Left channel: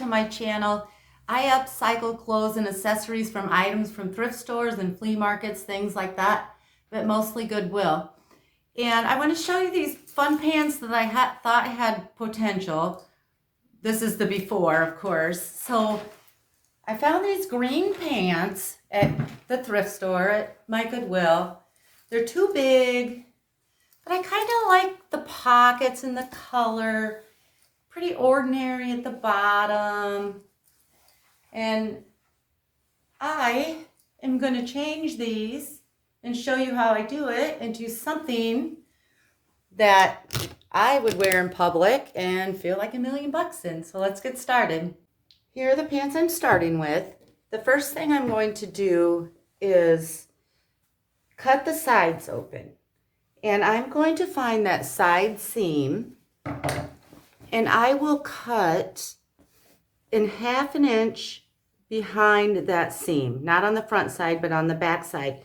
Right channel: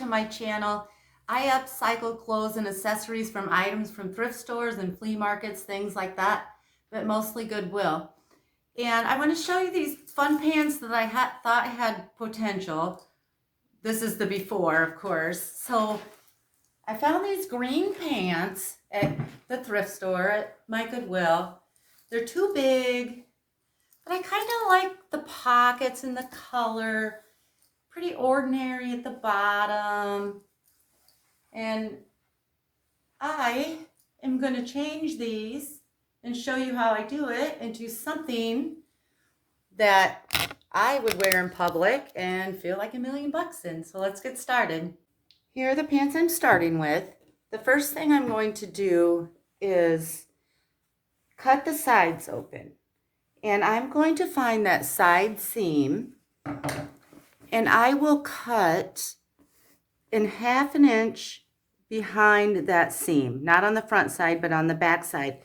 to my channel. I upcycle clothes and accessories from items from thrift stores and flea markets, things like that, but mostly Goodwill. And I want to show you these fun pants that I thought had potential. This is the before, of course. So I found these green pants at the thrift store at my Goodwill. They're too big, but I kind of like the pockets and the color. Pretty ordinary at the bottom. And I am going to change these and show you how I do it into something that I would wear in public and feel like $1,000,000 in. So let's get started. Here are the pants I'm starting with. The first thing I'm going to do is cut the sides open. And I'm going to find that side seam, and I will cut in 1/2 inch behind that seam, not on the front side, but on the back side.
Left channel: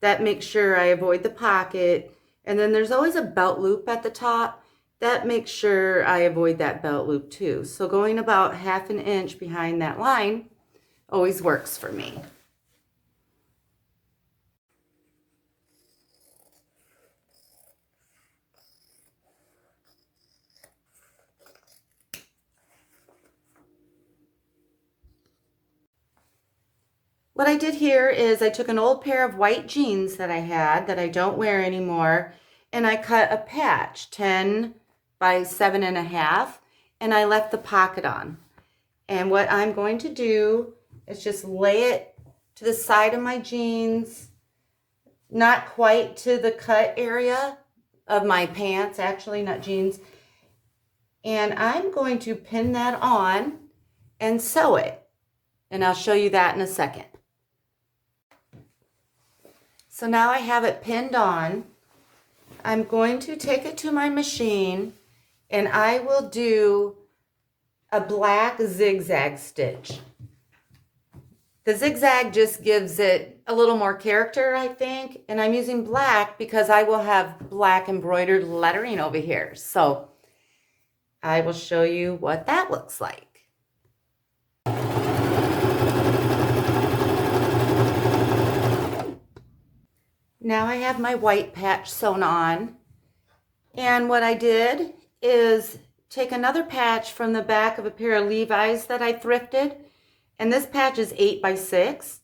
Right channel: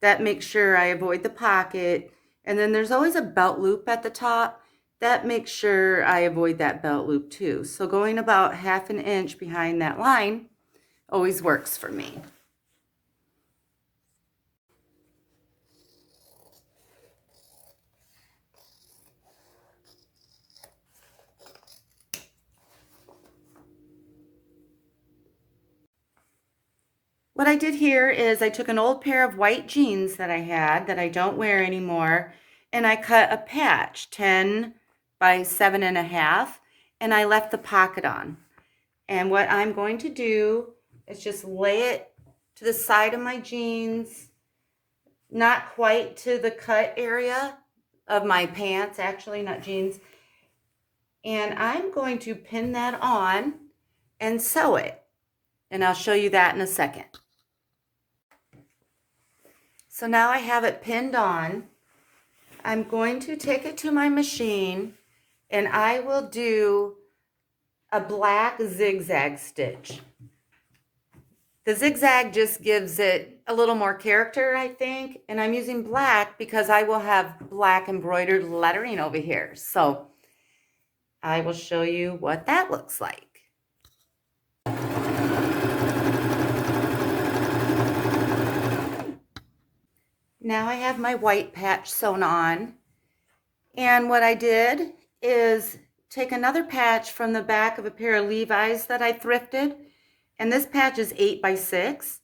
That makes sure I avoid the pocket. And then there's always a belt loop at the top. That makes sure I avoid that belt loop too. So going about 1/2 inch behind that line always works for me. What I did here is I took an old pair of white jeans that I had that I don't wear anymore, and I cut a patch 10 by 7.5, and I left the pocket on. And what I'm going to do is just lay it to the side of my jeans, not quite to the cut area of my pants, actually, not jeans. And I'm going to pin that on and sew it. And I'll show you that in a second. So now I have it pinned on. I'm going to take it to my machine, and I will do a black zigzag stitch. The zigzag just gives it a little more character, I think, and I'm using black because I will have black embroidered lettering over here. So I will show you what that looks like. Now I have my white patch sewn on, and what I did is take another patch from the back of a pair of Levi's that I thrifted, and this patch is 8 by 6,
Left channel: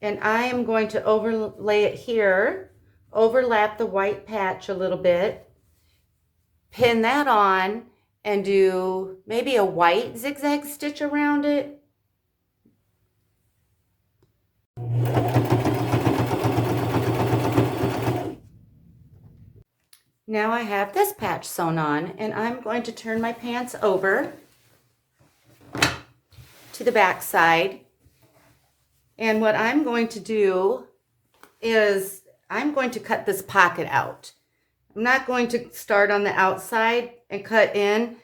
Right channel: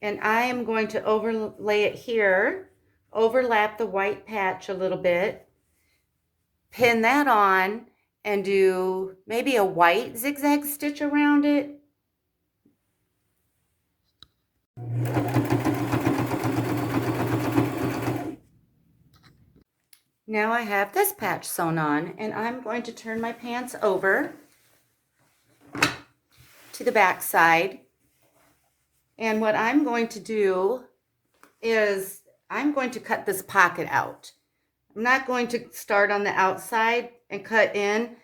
and I am going to overlay it here, overlap the white patch a little bit, pin that on, and do maybe a white zigzag stitch around it. Now I have this patch sewn on, and I'm going to turn my pants over to the back side. And what I'm going to do is I'm going to cut this pocket out. I'm not going to start on the outside and cut in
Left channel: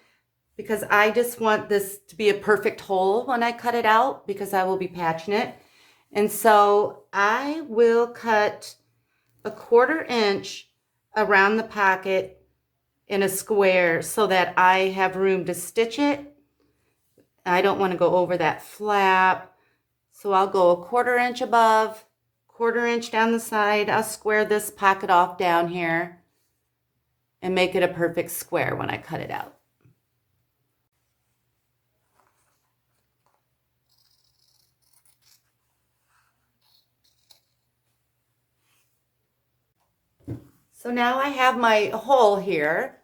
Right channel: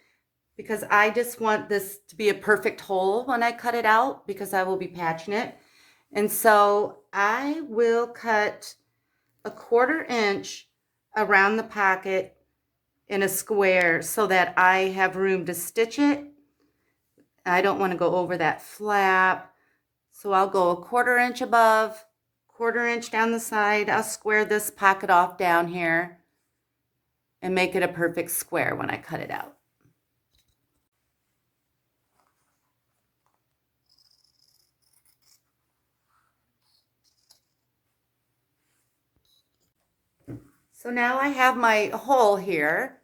because I just want this to be a perfect hole when I cut it out because I will be patching it. And so I will cut a 1/4 inch around the pocket in a square so that I have room to stitch it. I don't want to go over that flap, so I'll go a 1/4 inch above, 1/4 inch down the side. I'll square this pocket off down here and make it a perfect square when I cut it out. So now I have my hole here,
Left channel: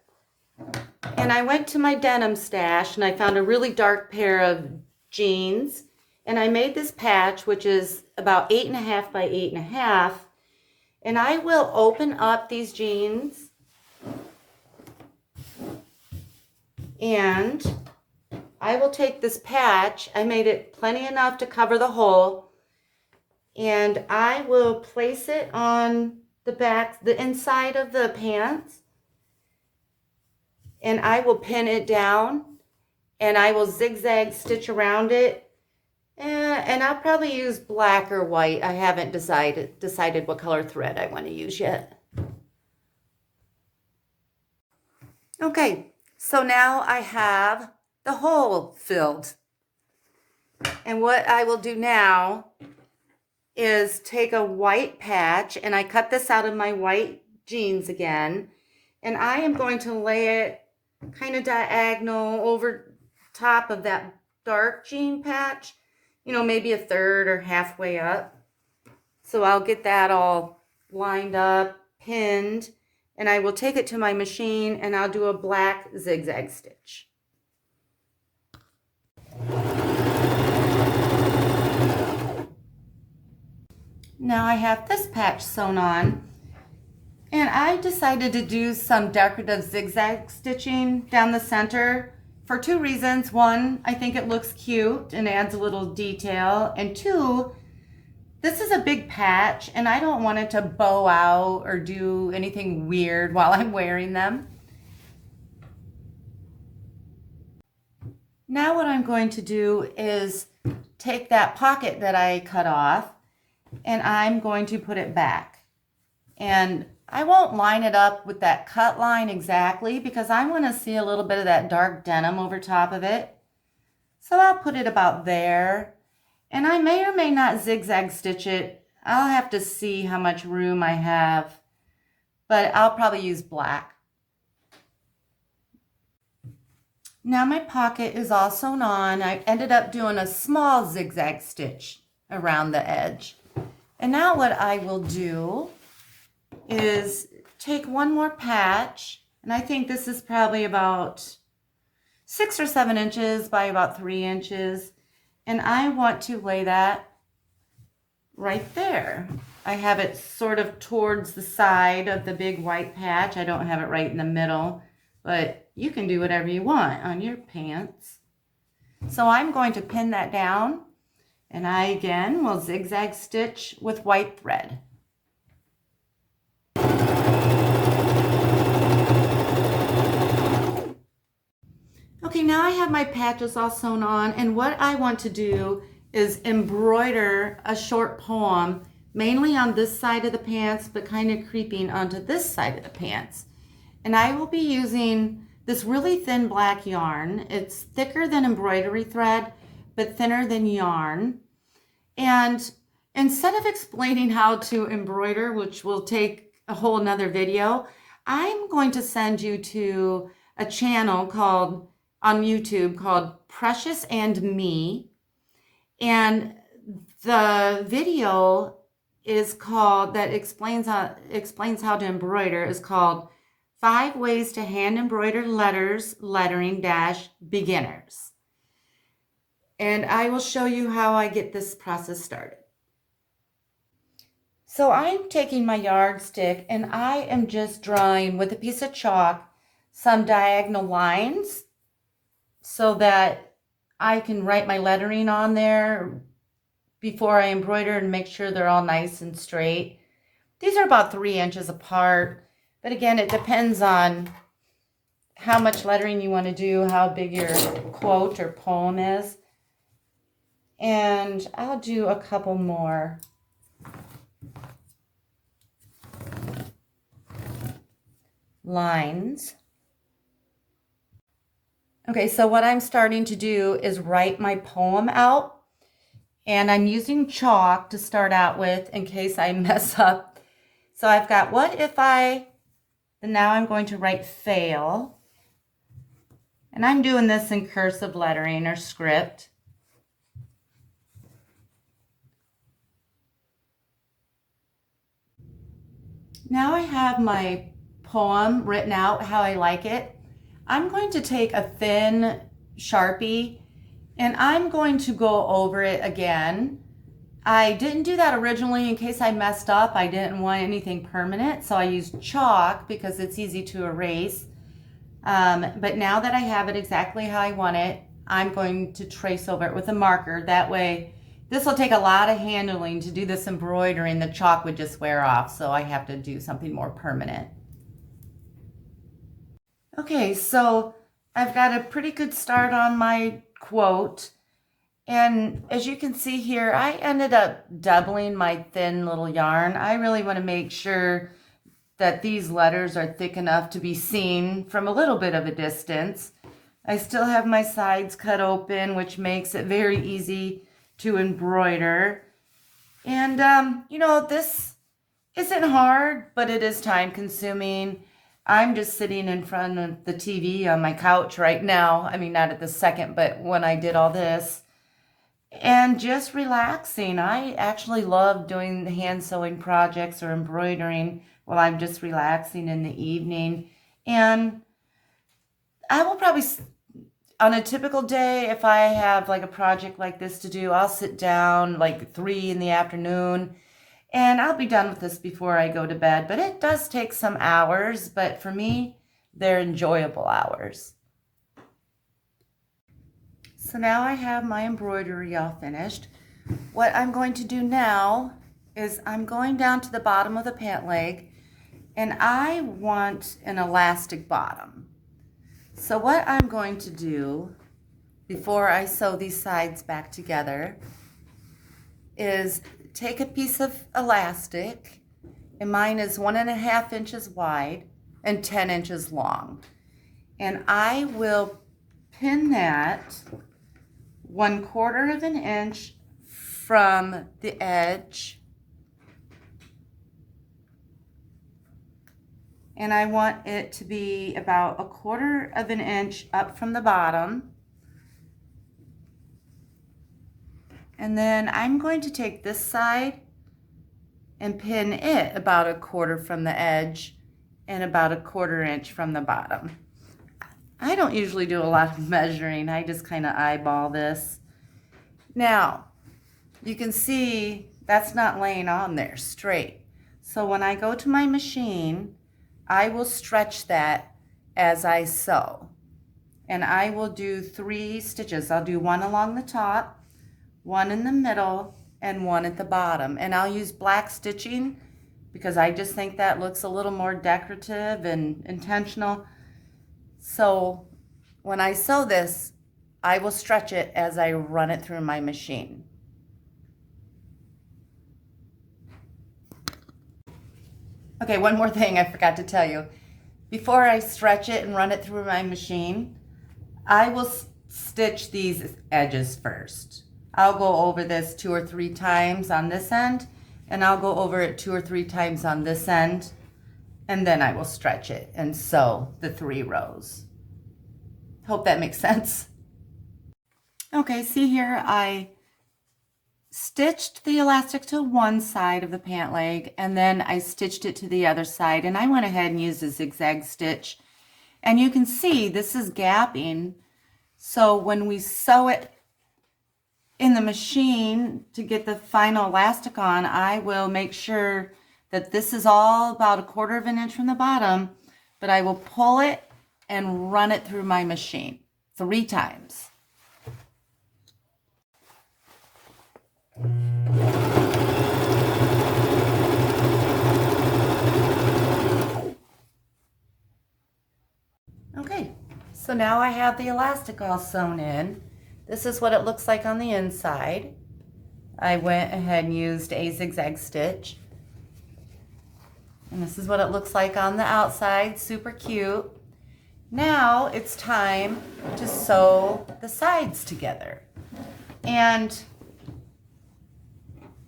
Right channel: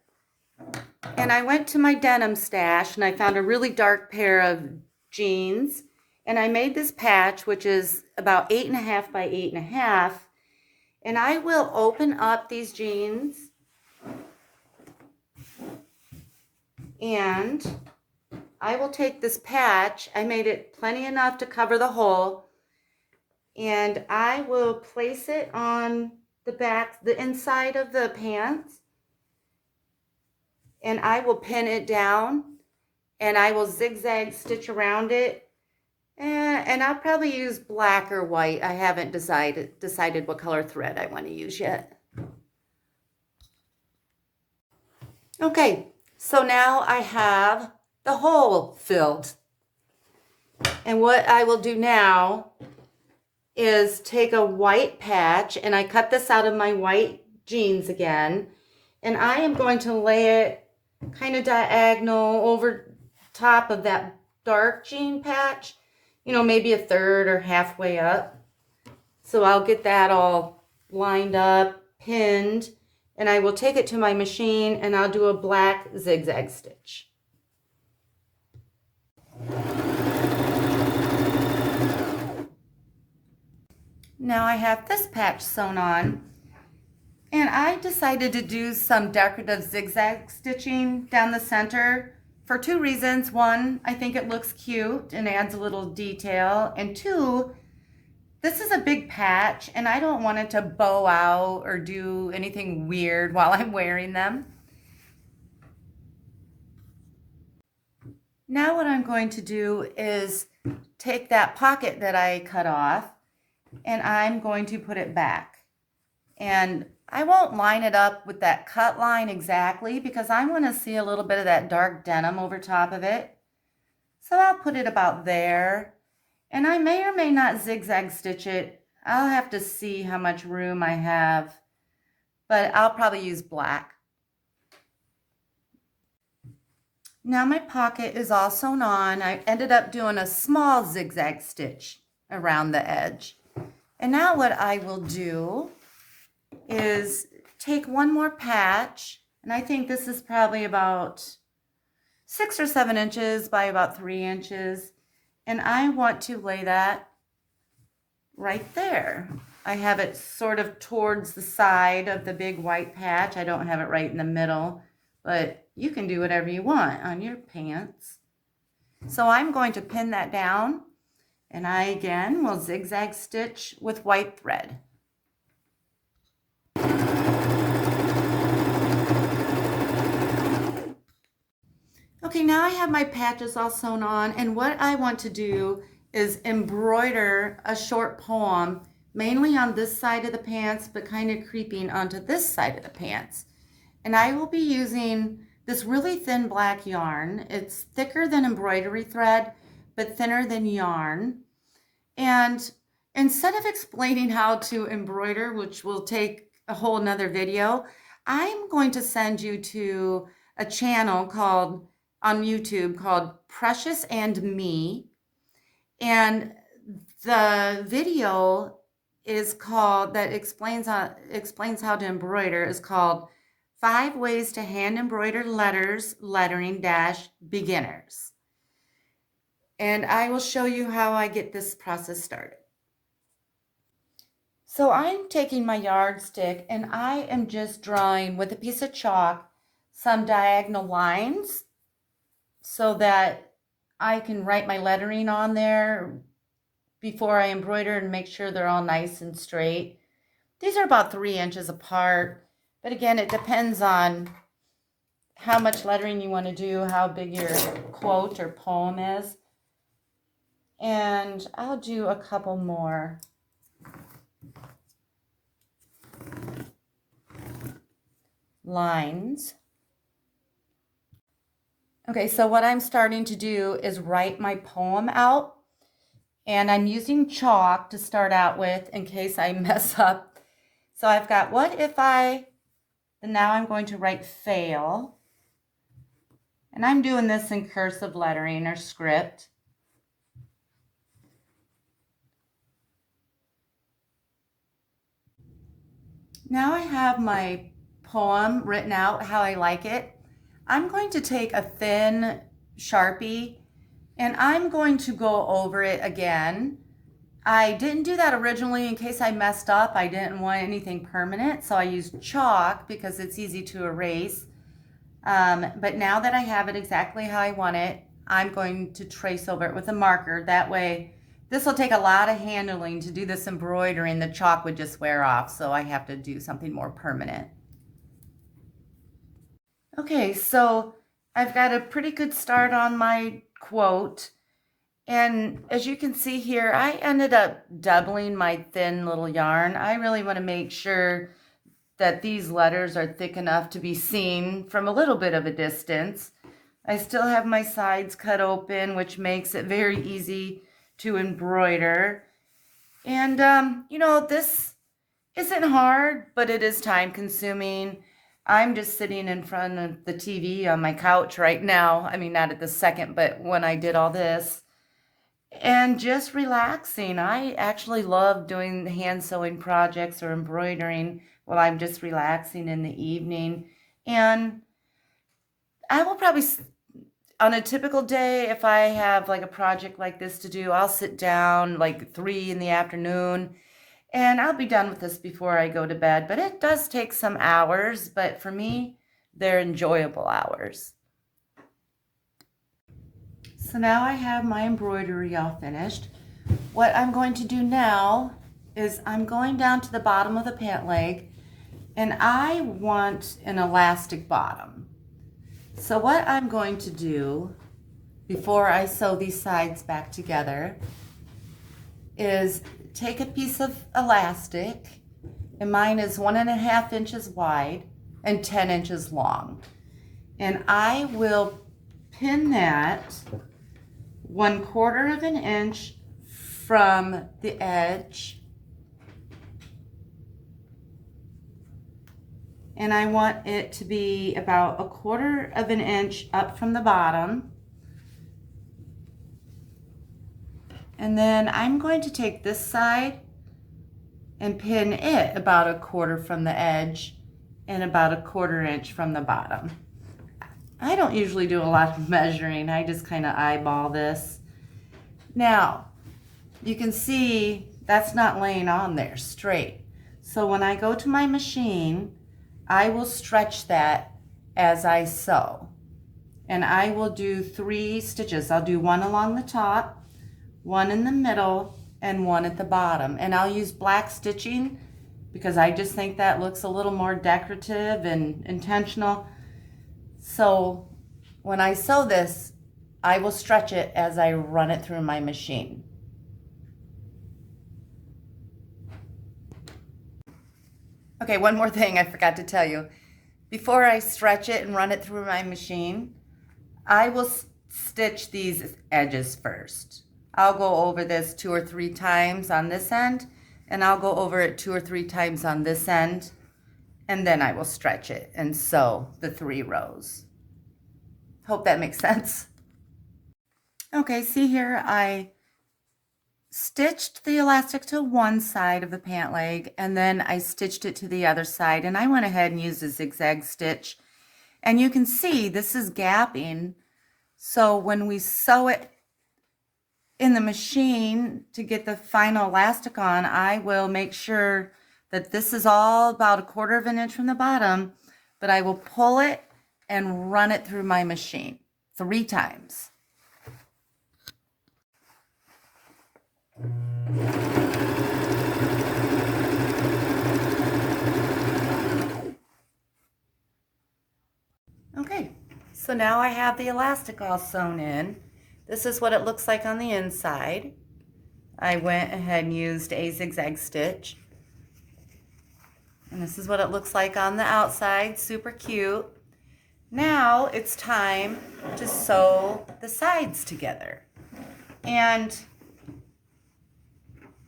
and I went to my denim stash and I found a really dark pair of jeans, and I made this patch, which is about 8.5 by 8.5, and I will open up these jeans and I will take this patch, I made it plenty enough to cover the hole, and I will place it on the back, the inside of the pants, and I will pin it down, and I will zigzag stitch around it, and I'll probably use black or white. I haven't decided what color thread I want to use yet. Okay, so now I have the hole filled. And what I will do now is take a white patch, and I cut this out of my white jeans again, and I am going to lay it kind of diagonal over top of that dark jean patch, you know, maybe a third or halfway up. So I'll get that all lined up, pinned, and I will take it to my machine and I'll do a black zigzag stitch. Now I have this patch sewn on, and I decided to do some decorative zigzag stitching down the center for two reasons. One, I think it looks cute and adds a little detail, and two, this is a big patch and I don't want it to bow out or do anything weird while I'm wearing them. Now what I'm going to do is take that pocket that I cut off and I'm going to put it back. And I won't line it up with that cut line exactly because I want to see a little bit of that dark denim over top of it. So I'll put it about there. And I may or may not zigzag stitch it. I'll have to see how much room I have, but I'll probably use black. Now my pocket is all sewn on. I ended up doing a small zigzag stitch around the edge. And now what I will do is take one more patch, and I think this is probably about 6 or 7 inches by about 3 inches. And I want to lay that right there. I have it sort of towards the side of the big white patch. I don't have it right in the middle, but you can do whatever you want on your pants. So I'm going to pin that down, and I again will zigzag stitch with white thread. Okay, now I have my patches all sewn on, and what I want to do is embroider a short poem, mainly on this side of the pants, but kind of creeping onto this side of the pants. And I will be using this really thin black yarn. It's thicker than embroidery thread, but thinner than yarn. And instead of explaining how to embroider, which will take a whole nother video, I'm going to send you to a channel called on YouTube called Precious and Me, and the video is called that explains how to embroider is called 5 Ways to Hand Embroider Letters Lettering Beginners, and I will show you how I get this process started. So I'm taking my yardstick and I am just drawing with a piece of chalk some diagonal lines so that I can write my lettering on there before I embroider and make sure they're all nice and straight. These are about 3 inches apart, but again, it depends on how much lettering you want to do, how big your quote or poem is. And I'll do a couple more. Lines. Okay, so what I'm starting to do is write my poem out, and I'm using chalk to start out with in case I mess up. So I've got and now I'm going to write fail, and I'm doing this in cursive lettering or script. Now I have my poem written out how I like it. I'm going to take a thin Sharpie and I'm going to go over it again. I didn't do that originally in case I messed up. I didn't want anything permanent, so I used chalk because it's easy to erase. But now that I have it exactly how I want it, I'm going to trace over it with a marker. That way, this will take a lot of handling to do this embroidery, and the chalk would just wear off, so I have to do something more permanent. Okay, so I've got a pretty good start on my quote, and as you can see here, I ended up doubling my thin little yarn. I really want to make sure that these letters are thick enough to be seen from a little bit of a distance. I still have my sides cut open, which makes it very easy to embroider. And, you know, this isn't hard, but it is time consuming. I'm just sitting in front of the TV on my couch right now. I mean, not at the second, but when I did all this. And just relaxing. I actually love doing the hand sewing projects or embroidering while I'm just relaxing in the evening. And I will probably, on a typical day, if I have like a project like this to do, I'll sit down like 3 in the afternoon and I'll be done with this before I go to bed. But it does take some hours, but for me, they're enjoyable hours. So now I have my embroidery all finished. What I'm going to do now is I'm going down to the bottom of the pant leg, and I want an elastic bottom. So what I'm going to do before I sew these sides back together is take a piece of elastic, and mine is 1.5 inches wide and 10 inches long. And I will pin that 1/4 of an inch from the edge, and I want it to be about 1/4 of an inch up from the bottom. And then I'm going to take this side and pin it about 1/4 from the edge and about 1/4 inch from the bottom. I don't usually do a lot of measuring. I just kind of eyeball this. Now, you can see that's not laying on there straight. So when I go to my machine, I will stretch that as I sew. And I will do 3 stitches. I'll do 1 along the top, 1 in the middle, and 1 at the bottom. And I'll use black stitching because I just think that looks a little more decorative and intentional. So when I sew this, I will stretch it as I run it through my machine. Okay, one more thing I forgot to tell you. Before I stretch it and run it through my machine, I will stitch these edges first. I'll go over this 2 or 3 times on this end, and I'll go over it 2 or 3 times on this end, and then I will stretch it and sew the 3 rows. Hope that makes sense. Okay, see here, I stitched the elastic to one side of the pant leg, and then I stitched it to the other side, and I went ahead and used a zigzag stitch. And you can see this is gapping, so when we sew it in the machine to get the final elastic on, I will make sure that this is all about 1/4 of an inch from the bottom, but I will pull it and run it through my machine 3 times. Okay, so now I have the elastic all sewn in. This is what it looks like on the inside. I went ahead and used a zigzag stitch. And this is what it looks like on the outside, super cute. Now it's time to sew the sides together. And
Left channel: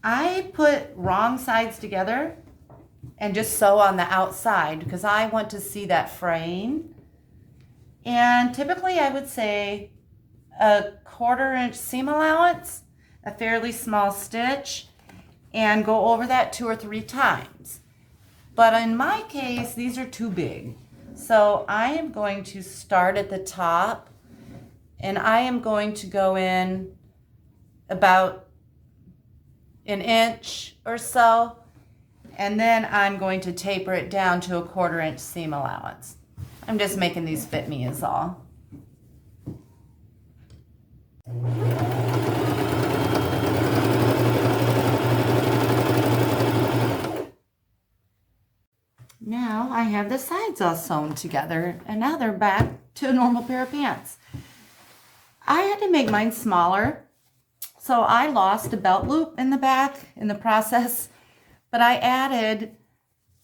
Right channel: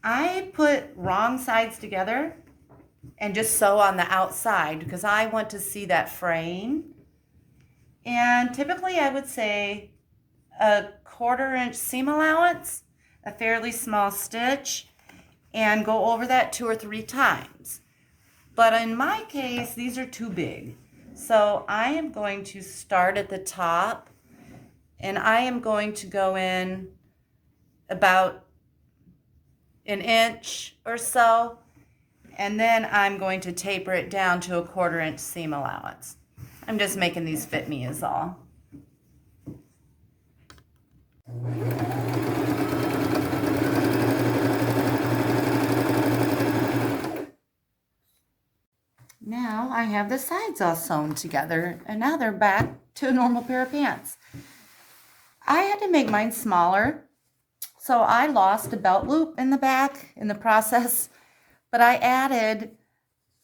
I put wrong sides together and just sew on the outside because I want to see that fraying. And typically I would say a 1/4 inch seam allowance, a fairly small stitch, and go over that 2 or 3 times. But in my case, these are too big. So I am going to start at the top, and I am going to go in about 1 inch or so, and then I'm going to taper it down to a 1/4 inch seam allowance. I'm just making these fit me is all. Now I have the sides all sewn together, and now they're back to a normal pair of pants. I had to make mine smaller, so I lost a belt loop in the back in the process, but I added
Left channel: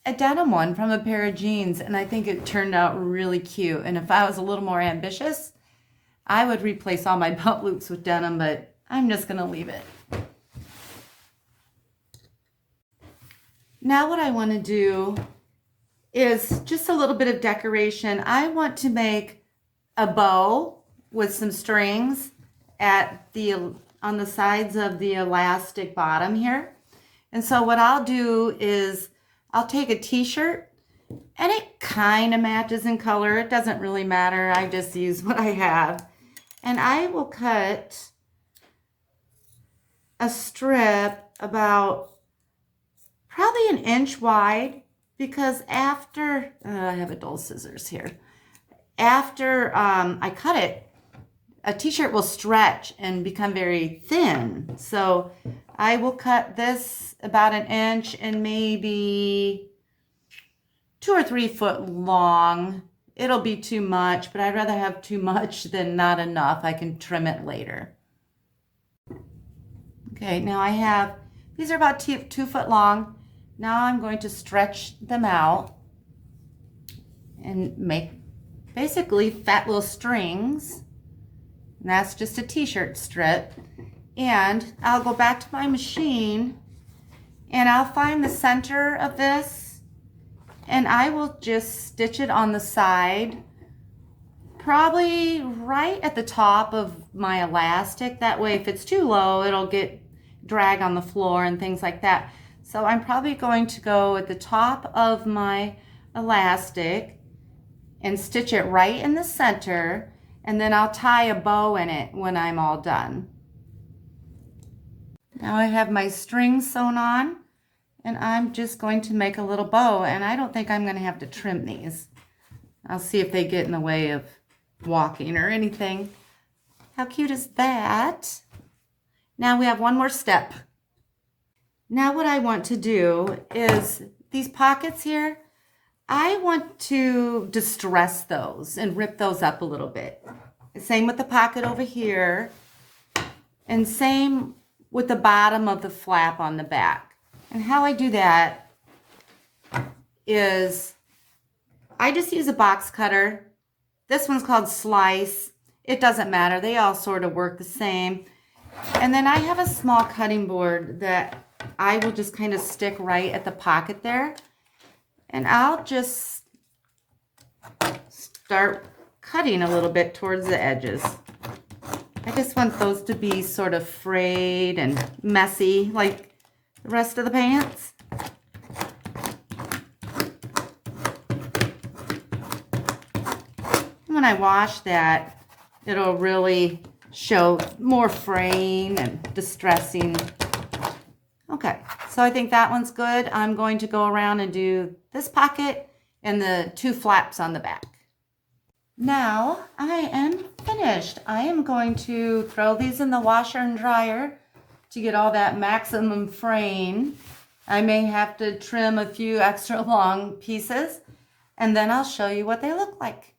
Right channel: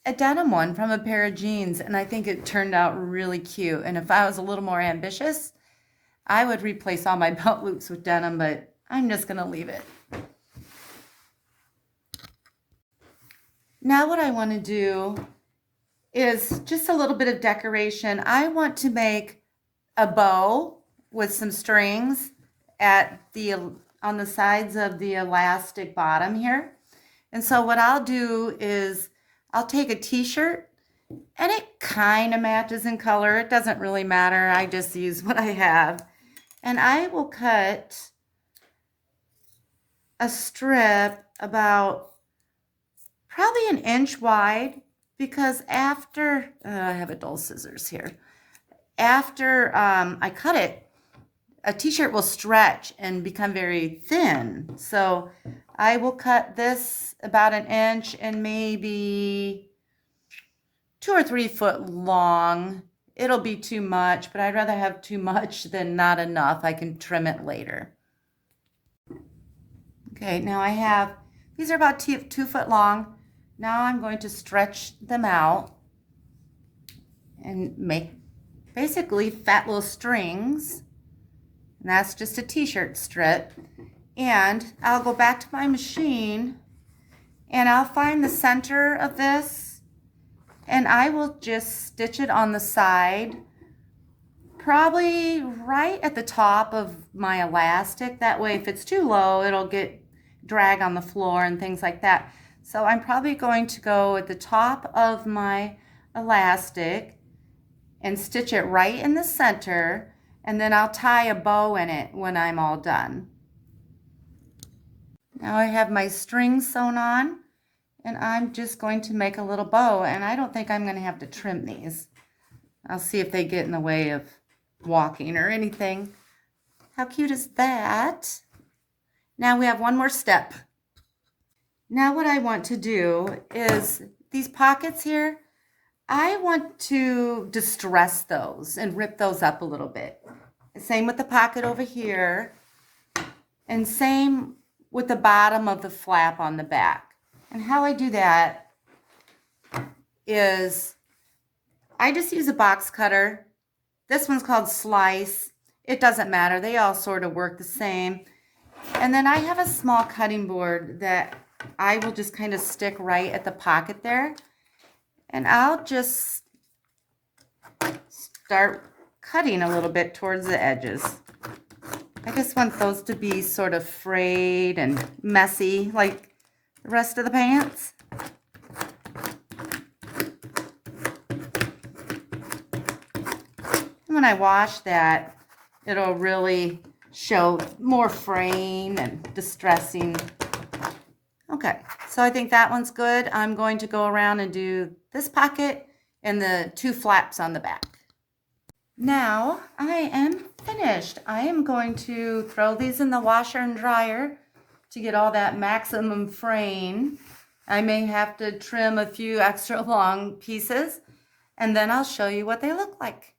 a denim one from a pair of jeans, and I think it turned out really cute. And if I was a little more ambitious, I would replace all my belt loops with denim, but I'm just going to leave it. Now what I want to do is just a little bit of decoration. I want to make a bow with some strings on the sides of the elastic bottom here. And so what I'll do is I'll take a t-shirt, and it kind of matches in color. It doesn't really matter. I just use what I have. And I will cut a strip about probably an inch wide, because after, I have a dull scissors here. After I cut it, a t-shirt will stretch and become very thin. So I will cut this about an inch and maybe 2 or 3 foot long. It'll be too much, but I'd rather have too much than not enough. I can trim it later. Okay, now I have, these are about 2 foot long. Now I'm going to stretch them out and make basically fat little strings. And that's just a t-shirt strip. And I'll go back to my machine and I'll find the center of this, and I will just stitch it on the side, probably right at the top of my elastic. That way if it's too low, it'll get drag on the floor and things like that. So I'm probably going to go at the top of my elastic and stitch it right in the center, and then I'll tie a bow in it when I'm all done. Now I have my strings sewn on, and I'm just going to make a little bow, and I don't think I'm going to have to trim these. I'll see if they get in the way of walking or anything. How cute is that? Now we have one more step. Now what I want to do is these pockets here, I want to distress those and rip those up a little bit. Same with the pocket over here, and same with the bottom of the flap on the back. And how I do that is I just use a box cutter. This one's called Slice. It doesn't matter. They all sort of work the same. And then I have a small cutting board that I will just kind of stick right at the pocket there. And I'll just start cutting a little bit towards the edges. I just want those to be sort of frayed and messy like the rest of the pants. When I wash that, it'll really show more fraying and distressing. Okay, so I think that one's good. I'm going to go around and do this pocket and the 2 flaps on the back. Now I am finished. I am going to throw these in the washer and dryer to get all that maximum fraying. I may have to trim a few extra long pieces, and then I'll show you what they look like.